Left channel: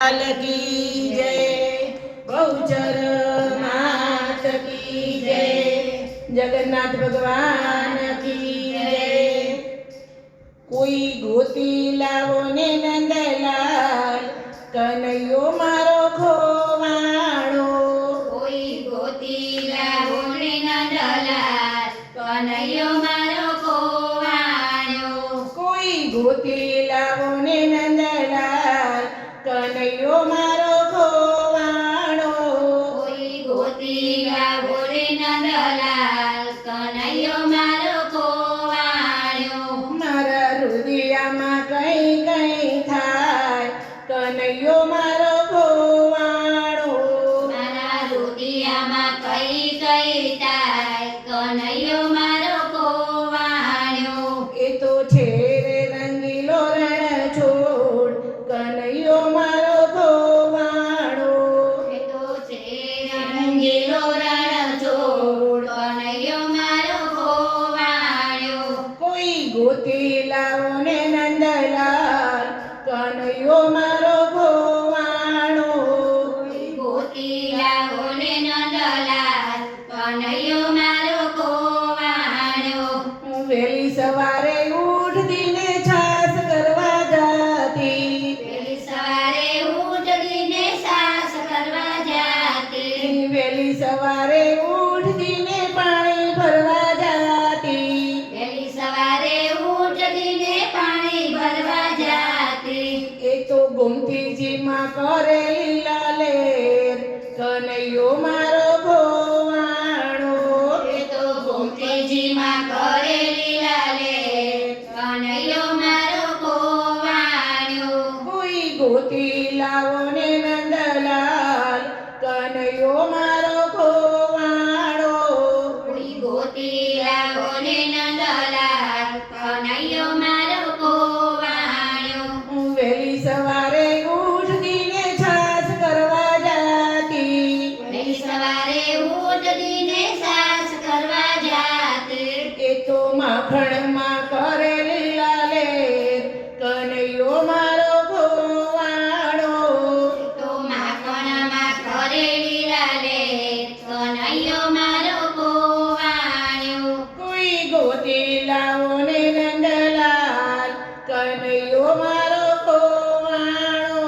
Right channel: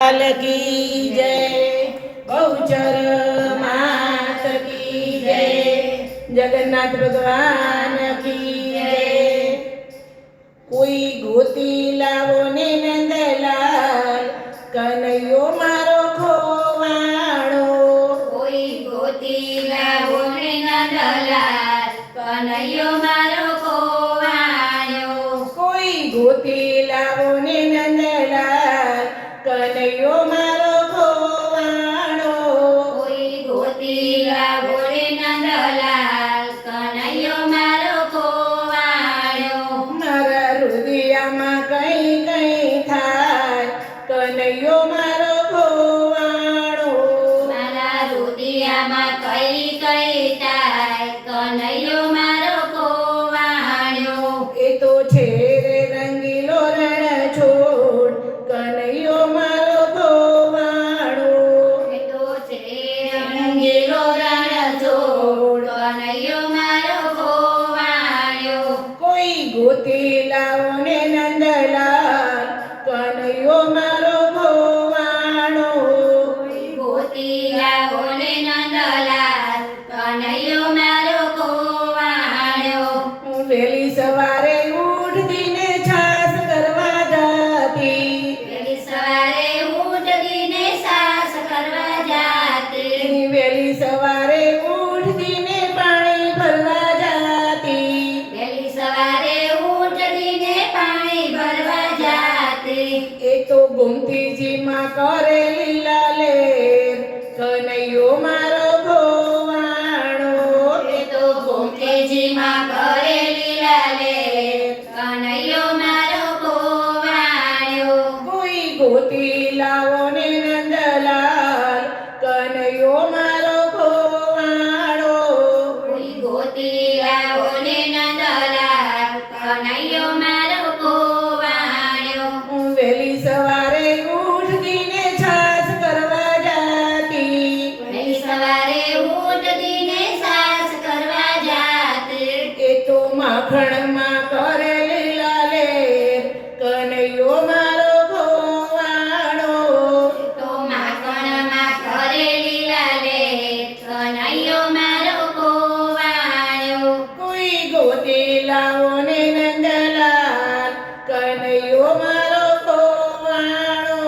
लाल की जय, बहुचर मात की जय, जगन्नाथ भगवान की जय। कोई गोती लावो ने नंदलाल, कन्हैयो मारो खोवाणो। કોઈ ગોતી લાવો ને નંદલાલ, કનૈયો મારો ખોવાણ્યો. કોઈ ગોતી લાવો ને નંદલાલ, કન્હૈયો મારો ખોવાણો. કોઈ ગોતી લાવો ને નંદલાલ, કનૈયો મારો ખોવાણ્યો. મારા હૃદયમાં કઈ કઈ થાય, કન્હૈયો મારો ખોવાણો. મારા હૃદયમાં કઈ કઈ થાય, કનૈયો મારો ખોવાણ્યો. એ તો છે રે રંગીલો રણ છોડ, કન્હૈયો મારો ખોવાણો. એ તો છે રંગીલો રણછોડ, કનૈયો મારો ખોવાણ્યો. કોઈ ગોતી લાવો ને નંદલાલ, કન્હૈયો મારો ખોવાણો. કોઈ ગોતી લાવો ને નંદલાલ, કનૈયો મારો ખોવાણ્યો. હું વહેલી સવારે ઉઠતી ને છાસ કરવા જતી, વહેલી સવારે ઉઠીને સાસ કરવા જાતી. વહેલી સવારે ઉઠતીને પાણી ભરવા જાતી. વહેલી સવારે ઉઠીને પાણી ભરવા જાતી. એ તો ગોમતીજીમાં કરે લીલા લેર, કન્હૈયો મારો ખોવાણો. એ તો ગોમતીજીમાં કરે લીલા લેર, કનૈયો મારો ખોવાણ્યો. કોઈ ગોતી લાવો ને નંદલાલ, કન્હૈયો મારો ખોવાણો. કોઈ ગોતી લાવો ને નંદલાલ, કનૈયો મારો ખોવાણ્યો. હું વહેલી સવારે ઉઠતીને છાસ કરવા જાતી, વહેલી સવારે ઉઠીને સાસ કરવા જાતી. એ તો માખણમાં કરે લીલા લેર, કન્હૈયો મારો ખોવાણો. તો માખણમાં કરે લીલા લેર, કનૈયો મારો ખોવાણ્યો. કોઈ ગોતી લાવો ને નંદલાલ, કન્હૈયો મારો ખોવાણો.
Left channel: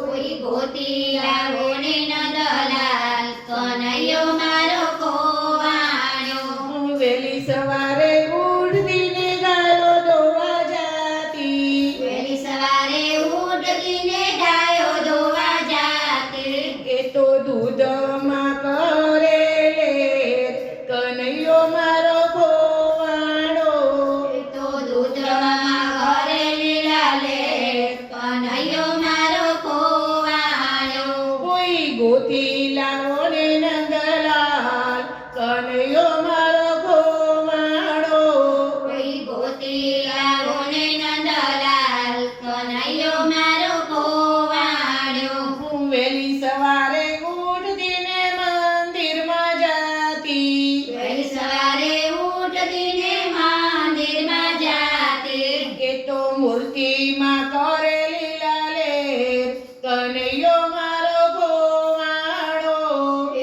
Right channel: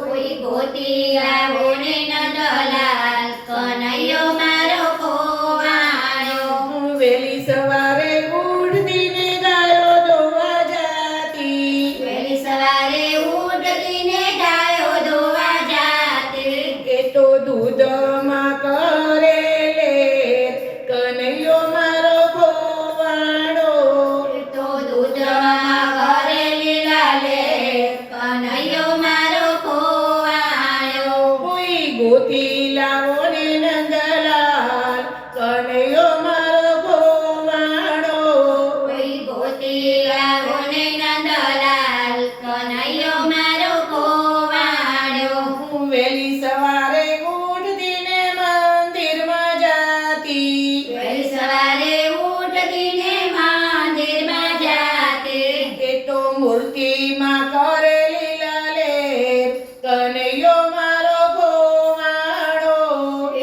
કોઈ ગોતી લાવો ને નંદલાલ, કનૈયો મારો ખોવાણ્યો. હું વહેલી સવારે ઉઠતીને ગાયો ધોવા જાતી, વહેલી સવારે ઉઠીને ગાયો ધોવા જાતી. એ તો દૂધમાં કરે લેર, કન્હૈયો મારો ખોવાણો. એ તો દૂધમાં કરે લીલા લેર, કનૈયો મારો ખોવાણ્યો. કોઈ ગોતી લાવો ને નંદલાલ, કન્હૈયો મારો ખોવાણો. કોઈ ગોતી લાવો ને નંદલાલ, કનૈયો મારો ખોવાણ્યો. હું વહેલી સવારે ઉઠતીને મંદિરમાં જાતી, વહેલી સવારે ઉઠીને મંદિરમાં જાતી. એ તો મૂર્તિમાં કરે લીલા લેર, કન્હૈયો મારો ખોવાણો.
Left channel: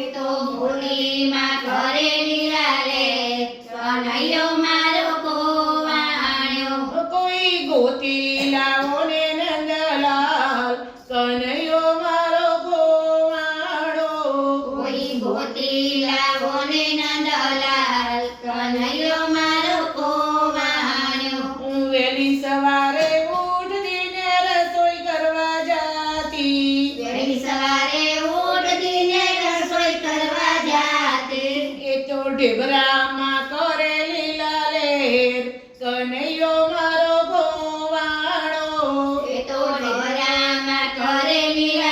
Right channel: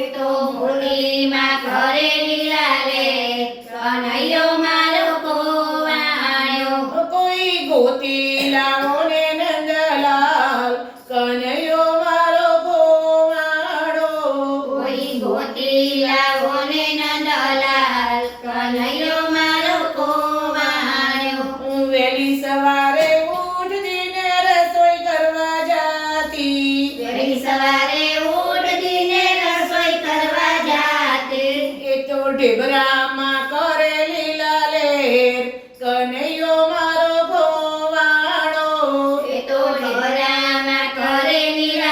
એ તો મૂર્તિમાં કરે લીલા લેર, કનૈયો મારો ખોવાણ્યો. કોઈ ગોતી લાવો ને નંદલાલ, કન્હૈયો મારો ખોવાણો. કોઈ ગોતી લાવો ને નંદલાલ, કનૈયો મારો ખોવાણ્યો. હું વહેલી સવારે ઉઠતીને રસોઈ કરવા જાતી, વહેલી સવારે ઉઠીને રસોઈ કરવા જાતી. એ તો ઢેબરામાં કરે લીલા લેર, કન્હૈયો મારો ખોવાણો. એ તો ઢોરામાં કરે લીલા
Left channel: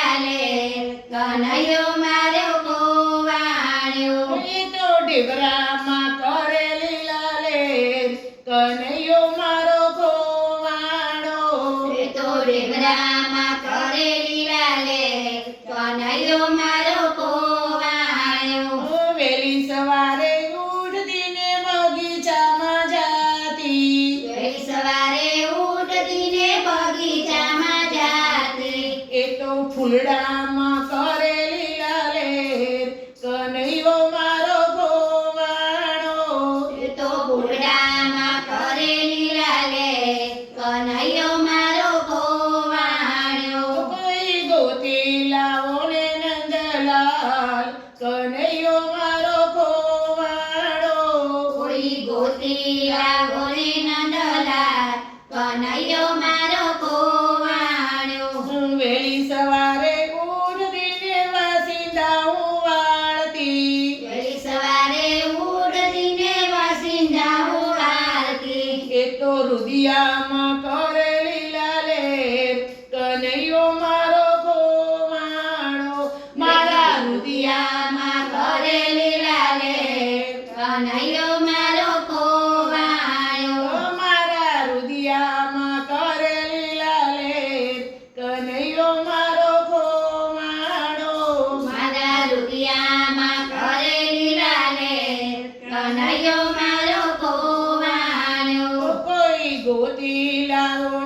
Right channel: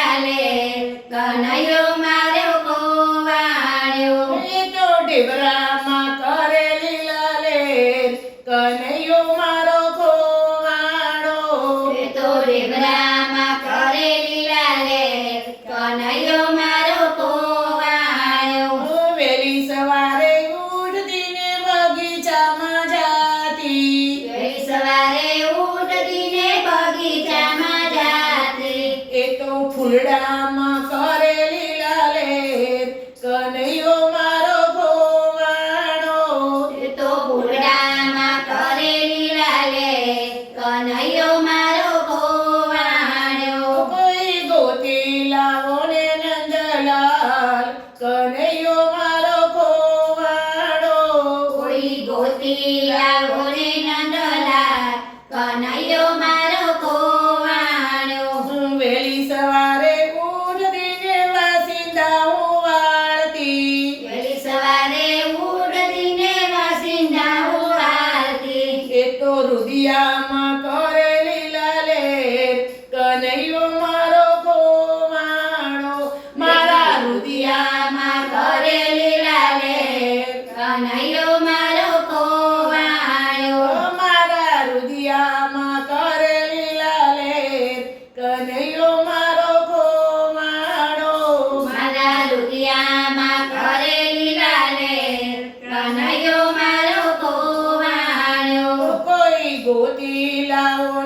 ફૂલડામાં કરે લીલા લેર કનૈયો મારો ગોવાણો એ તો ફૂલડામાં કરે લીલા લે કનૈયો મારો ગોવાણ્યો કોઈ ગોતી લાવો ને નંદલાલ કનૈયો મારો ગોવાણો કોઈ ગોતી આવો રે નંદલાલ કનૈયો મારો ગોવાણ્યો વેલી સવારે ઉઠીને વાસિંદા હું વાળતી વહેલી સવારે ઉઠીને વાસિંદા ઉવાળતી એ તો રુદિયામાં કરે લીલા લેર કનૈયો મારો ગોવાણો મારા રુદિયામાં કરે લીલા લેર કનૈયો મારો ગોવાણ્યો મારા રુદિયામાં કરે લીલા લેર કનૈયો મારો ગોવાણો મારા રૂપિયામાં કરે લીલા લે કનૈયો મારો ગોવાણ્યો કોઈ ગોતી લાવો